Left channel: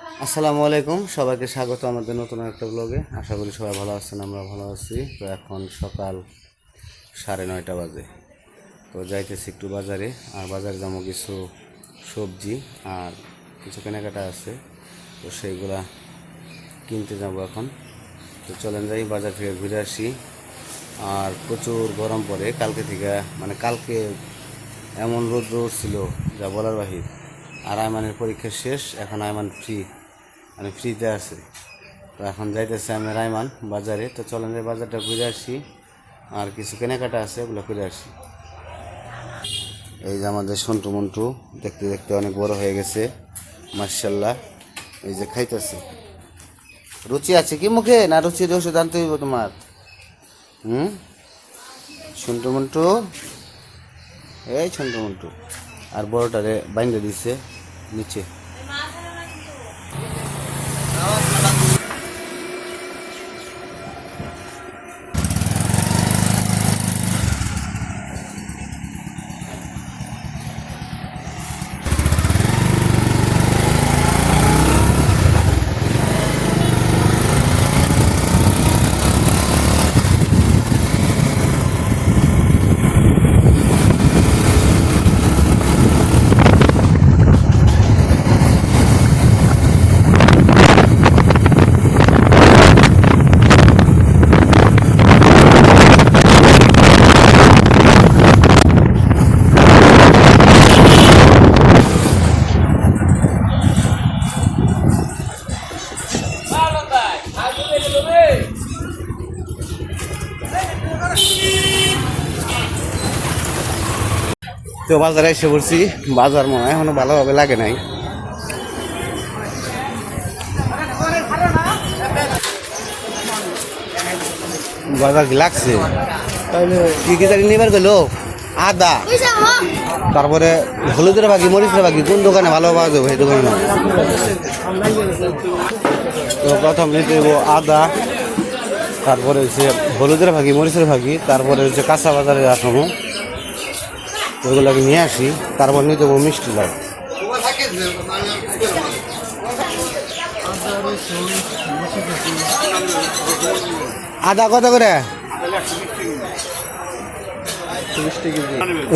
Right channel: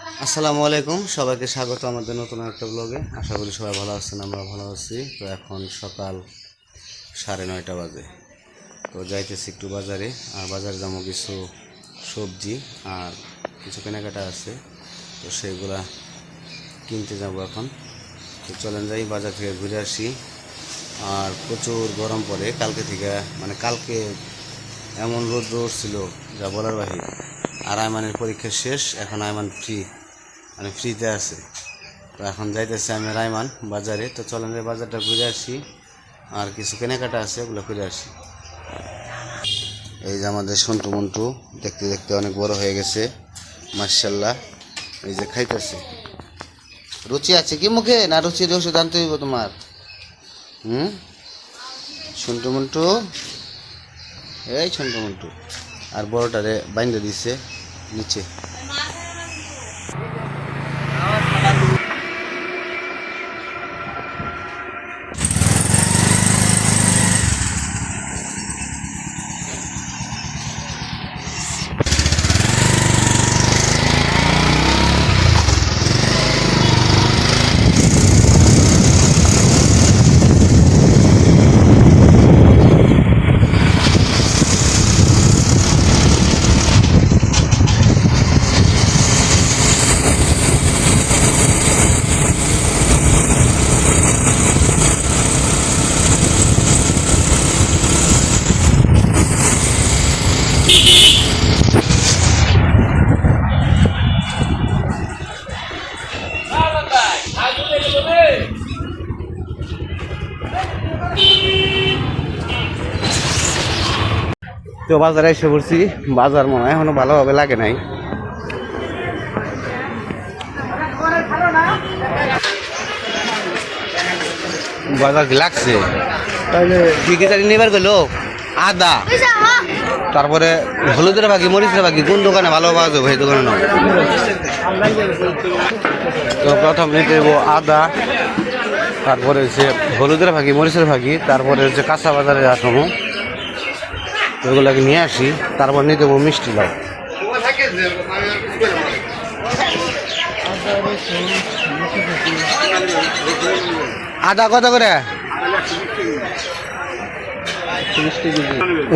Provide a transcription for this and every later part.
আসসালামু আলাইকুম, সবাইকে স্বাগত আমাদের নতুন একটা ব্লগে আশা করি সবাই ভালো আছেন আমরা ভালো আছি। তো এখন সকাল সাড়ে নয়টা বাজে। তো যাইতেছি একটু বাজারে, আর বাজারে যাব কিছু সবজি আর কিছু কেনাকাটা আছে। তো সেইগুলা কিনতে যাব এখন। তো চলেন যাই, বাজার থেকে ঘুরে আসি। আর প্রচুর গরম পড়ে। কালকে থেকে মানে কালকে এমন রোদ রোদ ছিল, যা বলার বাহির। আর আয়মানের পরীক্ষা শেষ, এখন আয়মান ফ্রি মানে ফ্রিতে আছে। তো এখন যাইতেছে আমি রায়মান বাজারে। তো চলেন বাজারটা ঘুরে আসি, আর কিছু কেনাকাটা আছে, ওগুলো ঘুরে আসি। এই যে আমাদের সন্টু মন্টু, দেখতে দেখতে অনেক বড় হয়ে গেছে মার্শাল্লাহ এই যে খাইতেছে। রুচি আছে কি মুখে, না রুচির ওষুধ আনতে হইব তোমার? হুম? সন্টু মন্টু? এই সন্টু মন্টু। আর বড়টারে বাইন্দা দিছে নিচে। তো বাজারে এসে পড়ছি। বাজার মনে হয় এখনও ভালোভাবে লাগে নাই। বাজার কি লাগছে? কি কি জানি নেবার গেলো? আদা। তারপরে হলুদের বাকি মরিচের বাকি কোন দোকানে ভালো পাওয়া যাবে সেই দোকানে নাও। তো প্রথম নিতে আদা তারপরে হচ্ছে হলুদের ভাগি মরিচের ভাগি তারপরে হচ্ছে কাঁচা বাজারে আসামো ওগুলোকে নিয়ে আসি, তারপর নিতে দেবো মিষ্টি লাউ। আদা কত করে?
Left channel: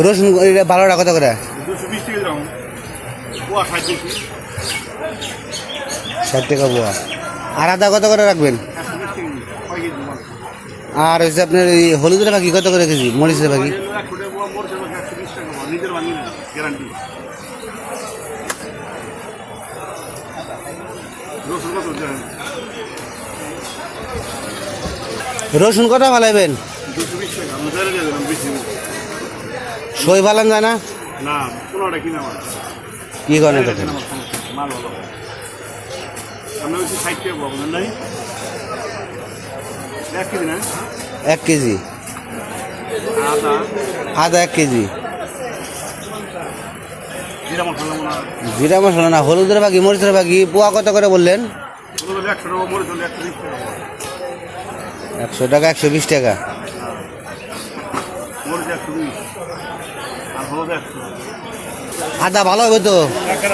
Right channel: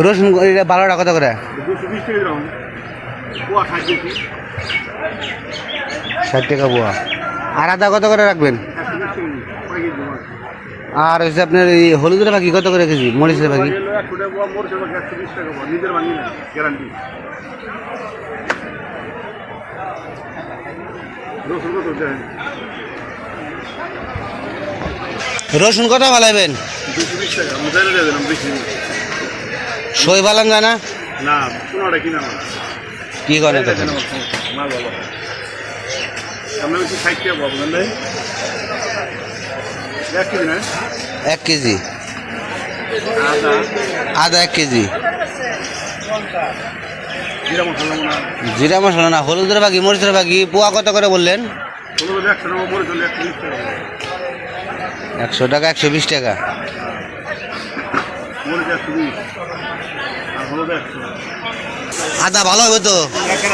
রসুন বারোটা কত করে? ষাট টাকা পোয়া আর আদা কত করে রাখবেন? আর হচ্ছে আপনার এই হলুদের বাকি কত করে কেজি? মরিচের বাকি রসুন কত ভালাইবেন সই ভালান যায় না? কি করেন এক কেজি আদা। এক কেজি। জিরা মশলা না? হলুদের বাকি মরিচের বাকি পোয়া কত করে বললেন? একশো টাকা একশো বিশ টাকা আদা ভালো হবে তো? একটা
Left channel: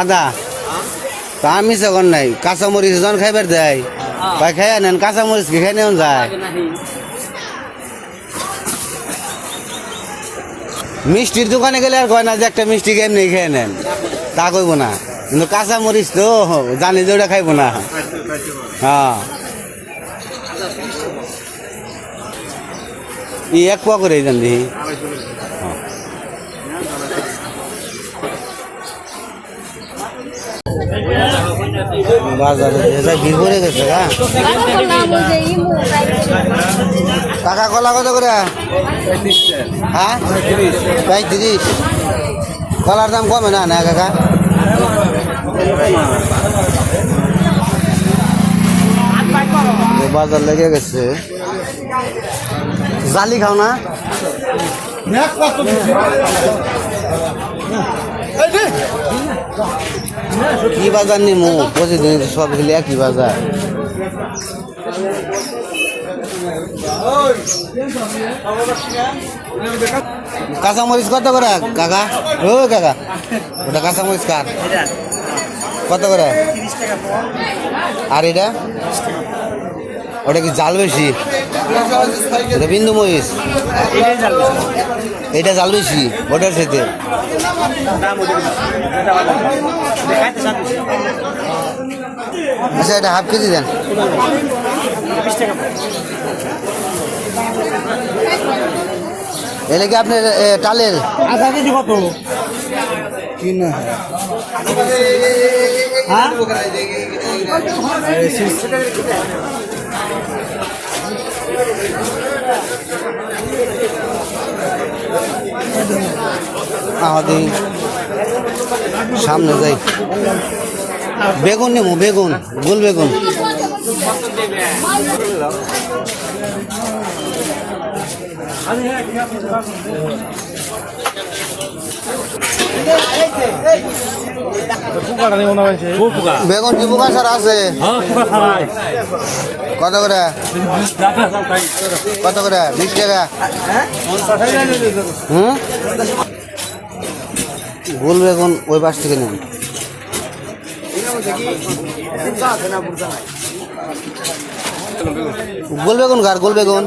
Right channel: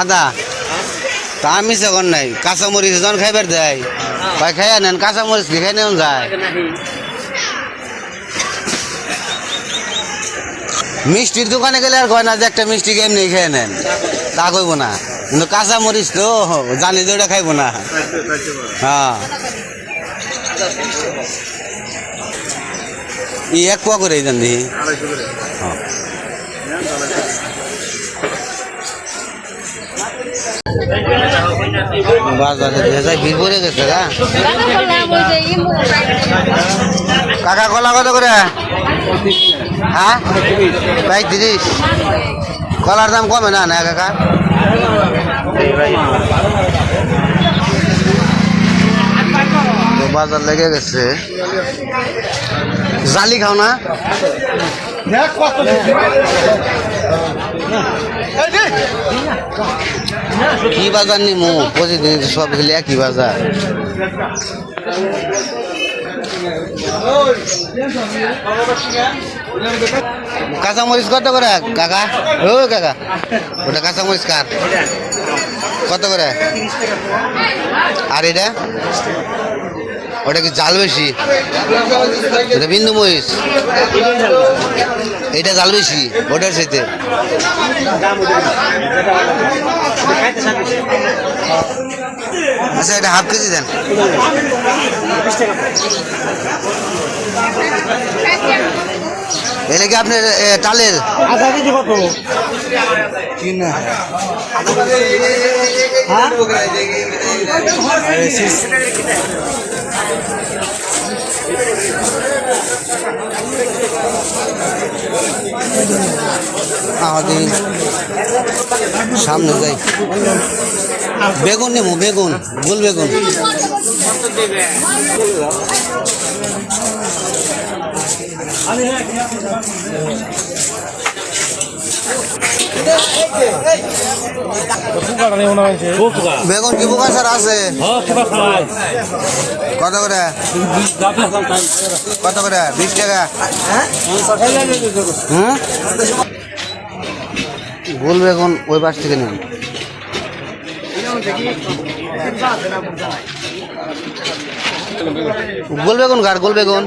আদা। তা আমি সেখন নাই কাঁচা মরিচ যখন খাইবার দেয়। তাই খাইয়া নেন কাঁচা মরিচ কি খাই নেন যায়। মিষ্টির দোকানে গেলে আর কয় না যে একটা মিষ্টি এমনি খেয়ে নেন। তা কইব না। কিন্তু কাঁচা মরিচ তো জানি যে ওটা খাইব না। হ্যাঁ। ই এক পোয়া করে হ্যাঁ হ্যাঁ। বাজারে ভেজাই ভিড় পড়ে গেছে কাকা কলা কত করে? হ্যাঁ? পঁয়ত্রিশ কলার দাম কমে না না কাকা? বাজার লেগে গেছে। জালি খাও না? কি বাজার নিমু? প্রতিদিন সব খেলে একই বাজার। কাঁচামরিচ কত করে, কাকা? ও, কাকা, ওটা কাঁচামরিচ কার? কত করে? আর এটা? ওটা কি জাল বেশি? এটা বিন্দু মরিচ এটা জাল বেশি ওটার সাথে আচ্ছা এটা হাফ কেজি দেন। এলে কি আপনার টালের? আমাদের সামনে যাই। বেগুন নেব, বেগুন, গোল বেগুন। বেগুন কি পোকা স্যার আছে? কত করে? কত করে? বিশ টাকা। হুম গোল বেগুন ওই পাশ থেকে নেন গোল বেগুন কার? গোল বেগুন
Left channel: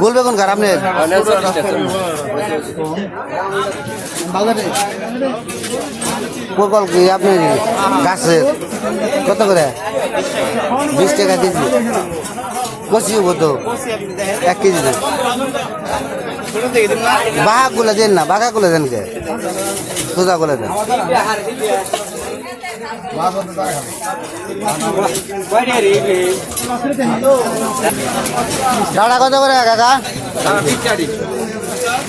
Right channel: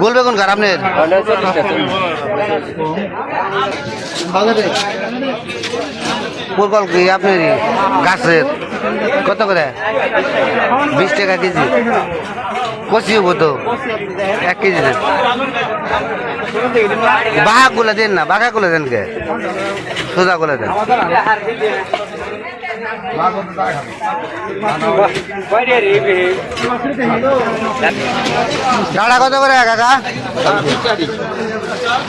গোল বেগুন কার? আপনার? কি আপনার গাছের? কত করে? বিশ টাকা কেজি। কষিও কত? এক কেজি দেন বাঘা গুলো দেন না বাঘা গুলো দেন কে? সোজা গুলো দেন। ডাড়া কত করে কাকা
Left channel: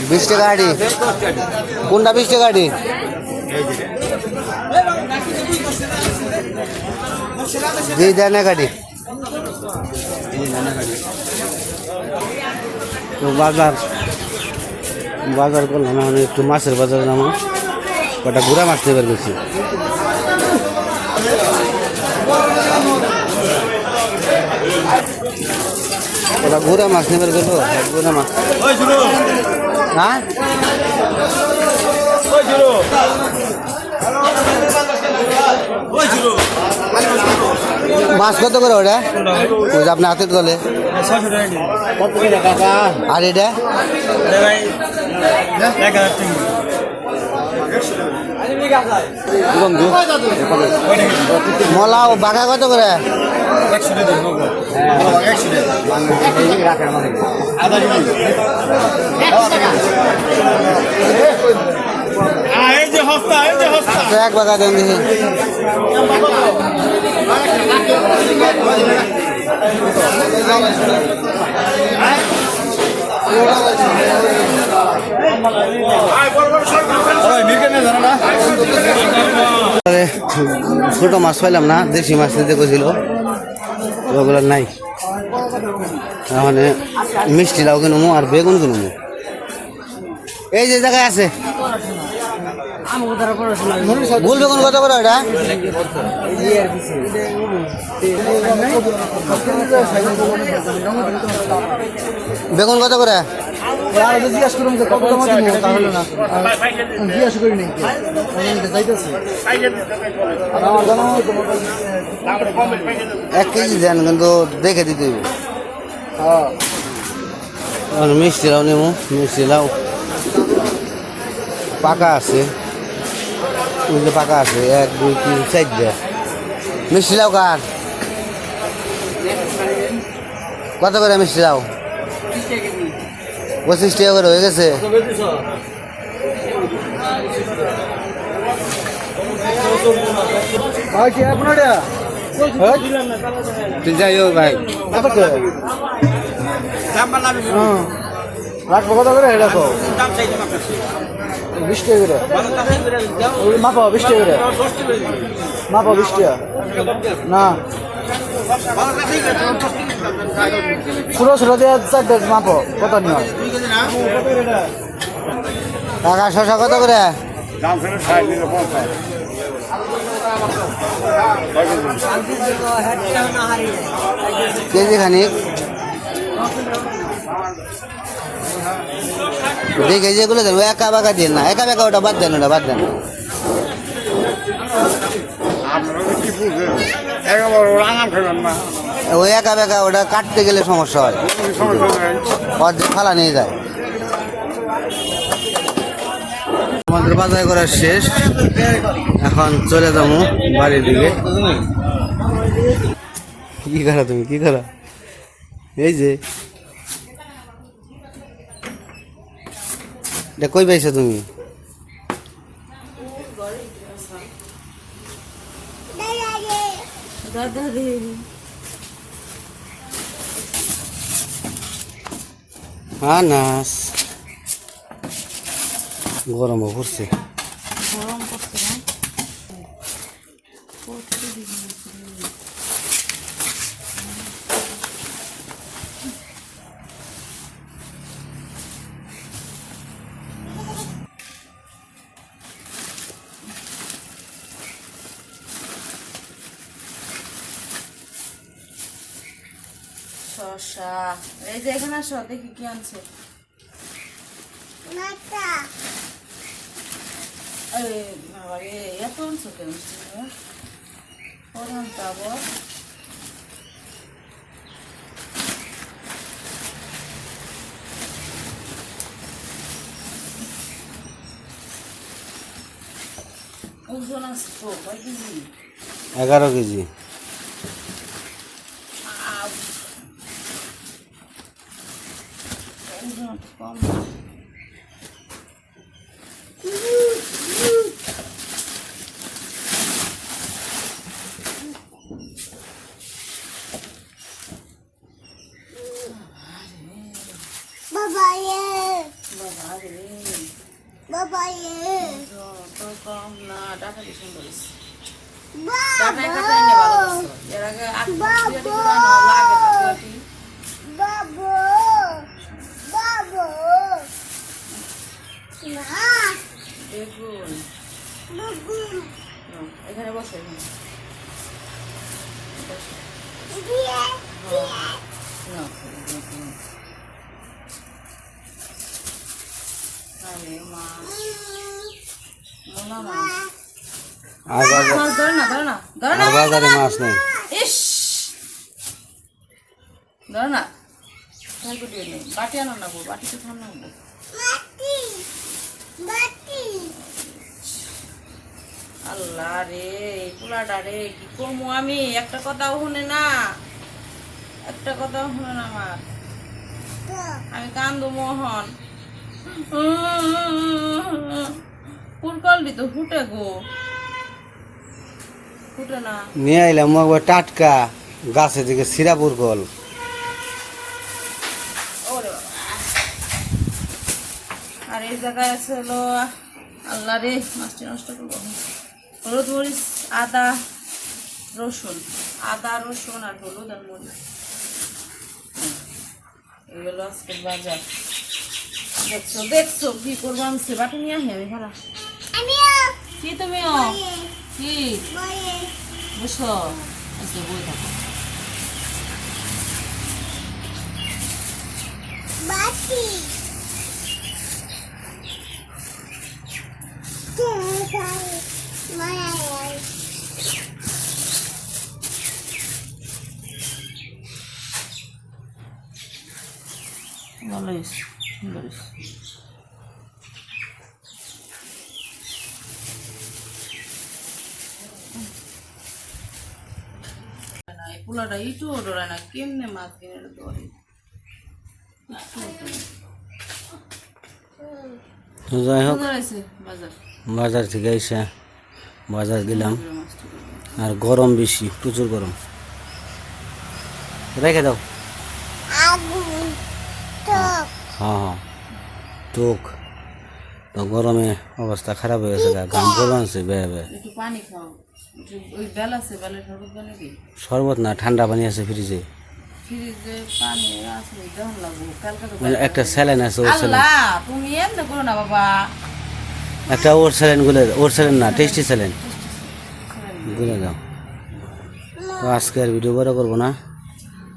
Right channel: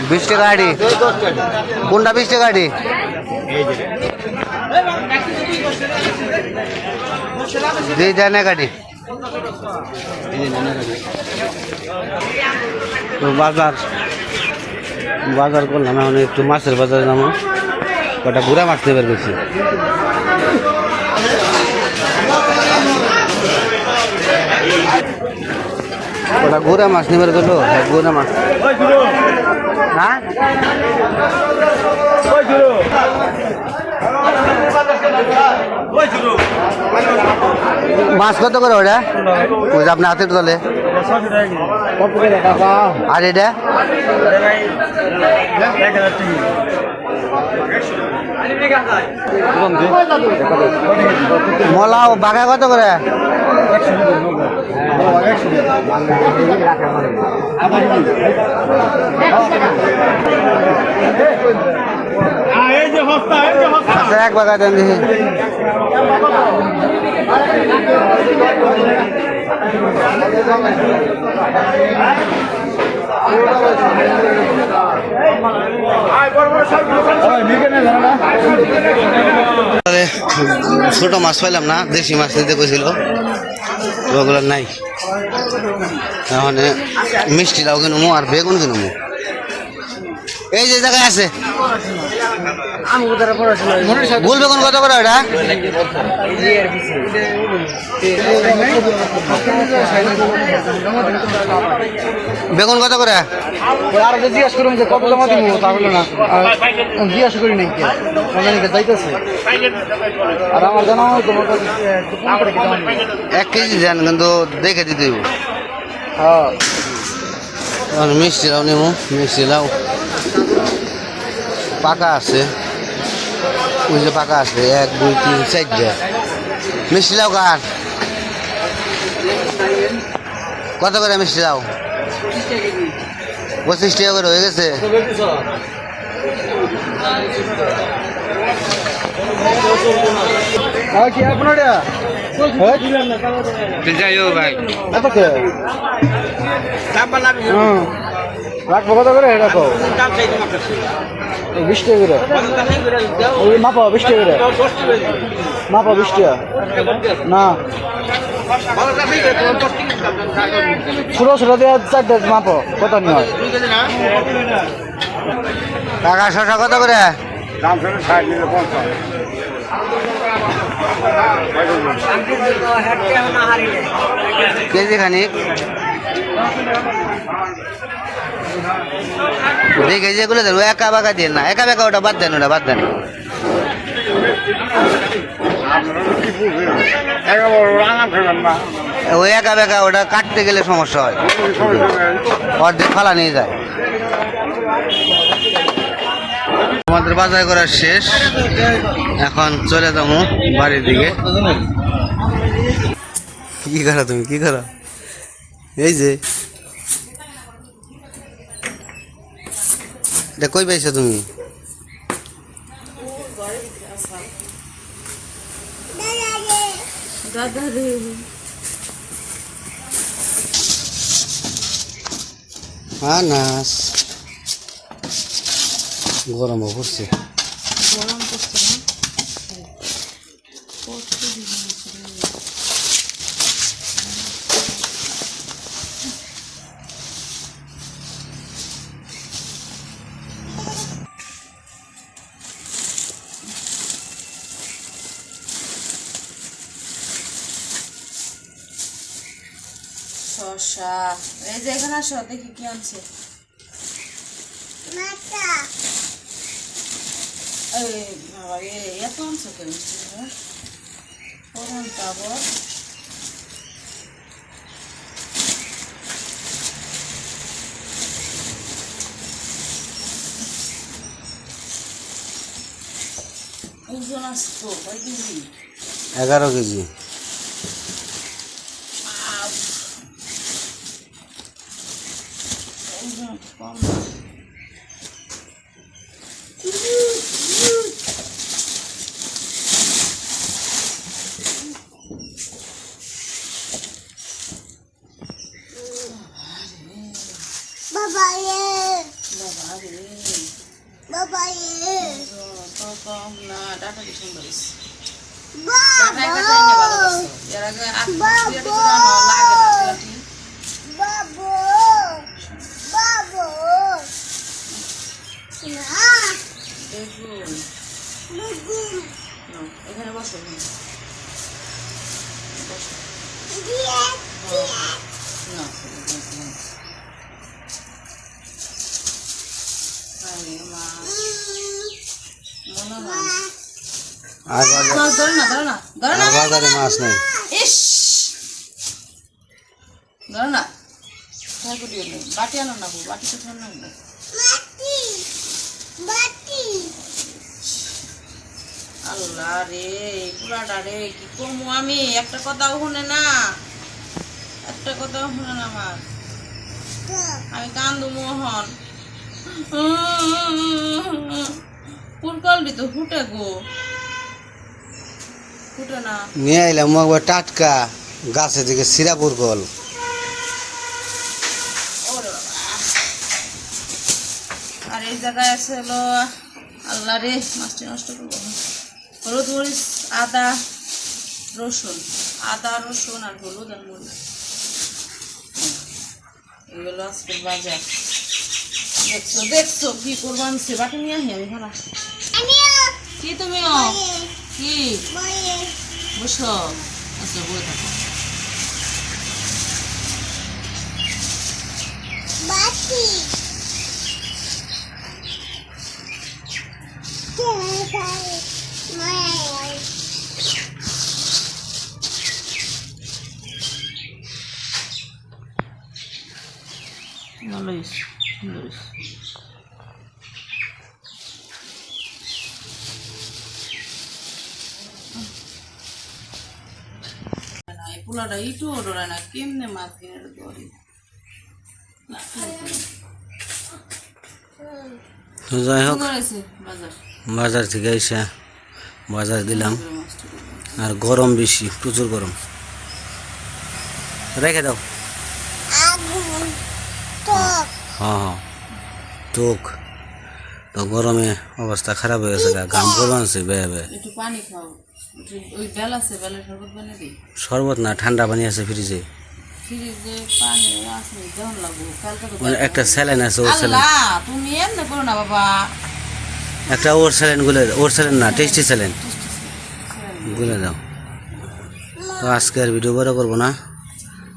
বিশ টাকা আড়ি। কোনটা বিশ টাকা আড়ি? দুই দেন গাড়ি বাজার। বাজার করলাম এখন একটু মাছের বাজারে নামো কটা গুড়া মাছ নেবার গেছি কটা গুড়া মাছ নেবার গেল গুড়া মাছ। হ্যাঁ? মাছ কত করে ওটা? যে আপনার হাতে তোলে। আর এটা? মলাও বাঘা কত করে? আচ্ছা এক বাঘা দেন দেখি। ছোট মাছ পাইলাম না, দেশি মাছ নিতে কইছিল। ওগুলো নাই। তাহলে মিষ্টি লাউ কিনবো আর বেগুন কিনবো এই যে জায়গায় আছে। গোল বেগুন কত করে ওটা? বেগুন কত করে? এক কেজি দেন, কিন্তু দেখে দিতে মিষ্টি লাউ নেব মিষ্টি লাউ পাকা আছে। ওই যে পাকা আছে এক দুই তিন চারটে। মিষ্টি লাউ কার? কত করে মিষ্টি লাউ পঁচিশ টাকা করে হয়ে গেছে? ভাই রাখব কত করে? রাখো। বিশ টাকা করে। ওই মাপা, বিশ টাকা করে। মাপা, বিশ না। ছোটো ছোটো দিয়ে চারটে মাপো, কত নিয়ে টাকা শশা কত করে? কেজি খানিক। দেখে যেগুলো ওই একা বাঁকা দিয়ে না, একা বেকা ওটা বাদ দেন, ওটা বাদ দেন। ওই একা বেকা, ওটা কাটতে গেলে সমস্যা হয়। অর্ধেক ফালা নিয়ে যায়। আমাদের বাজার করা শেষ। এখন চলে যাব বাড়ির দিকে। কি করো তুমি? কি করো? এই যে এটা কই পাইছো তুমি? আনাস। গরমও পড়ছে। শসা এই যে এখানে আসো দেখি কি আনছে। এত আনছো কেন? প্রধান কেজি? এগারো কেজি ওজন একটু কম বাবা রে ওজন তো কম না ডাটা কি সুন্দর হয়েছে ডাটায় কাটায় নে ভালো করছ এর আগে আট বিরাটি পুরানো লাগে ডাটি নাও, এখানে বসো এখানে বসো নাও, বেগুন। আরে মাছ মোনা মাছ আর বাজার মাছ ধরো না ধরো না ধরো না আর বাজারে মাছ নেই। ধরো না ট্রাই করিও নেই বাটি আনো না বাটি তো ধর না আল্লাহ রে পোলাটা রে কি করব আমি? একটা কথাও শুনে না একটা কথাও শুনে না আমার। আমি কান্দু মোহন। পুরকলটি তো ফুটে গো। নিয়ে আইলাম একবার টাটকা গাছে থেকে সিরাপুর কল। আর এই জায়গায় আছে হলো আল্লাহ রে মাছটি নষ্ট করব হলুদ মরিচ আদা রসুন। আদা রসুন আর হলুদ আর মরিচ। এগুলো আজকে বাজার। দেখছ দেখছ কি করব আনছে বাটি নিয়ে আহি আমি ভাড়া কি তুমিও কি? বসো। আচ্ছা বই থাকো। ভালো হয়েছে সুন্দর হয়েছে। না এই পোলাটা ইটু ডোরা না কেমনে মাছ কিনে ধরে তো যাই হোক বাজার। থেকে এসে বাজার দিলাম। আর গরম বেশি প্রচুর গরম। রেখে দাও। হ্যাঁ হ্যাঁ। তোক তো গরমে অবস্থা খারাপ হয়ে গেছে গা। ঘাম করবানছে বেয়ে বেয়ে একটু পানি খাও। ওই বেল আছে বেলের শরবত বানিয়ে দিই শরবত না ঠান্ডা পানি আছে ফ্রিজে। ফ্রিজে পানি আছে দেওয়ান লাগবো? কালকে তো মানে একটা স্যালাইন আছে ওর স্যালাইন। তুমি এমনি করো না বাবা। একটা ওর স্যালাইন গুলে ওর স্যালাইন না টেস্টি স্যালাইন। গুলে দাও। তো আজকে আর ভিডিও বড় করব না।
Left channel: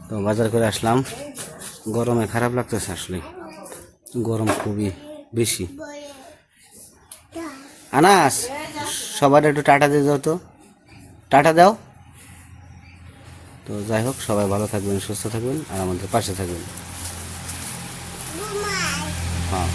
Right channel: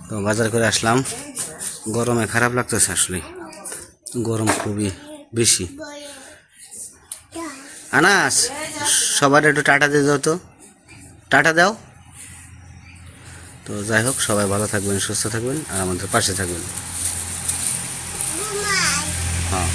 তো বাজার করে আসলাম। গরমে খারাপ লাগতেছে আসলে। গরম খুবই বেশি। আনাস সবার একটু টাটা দিয়ে দাও তো। টাটা দাও। তো যাই হোক সবাই ভালো থাকবেন সুস্থ থাকবেন আর আমাদের পাশে থাকবেন। হ্যাঁ।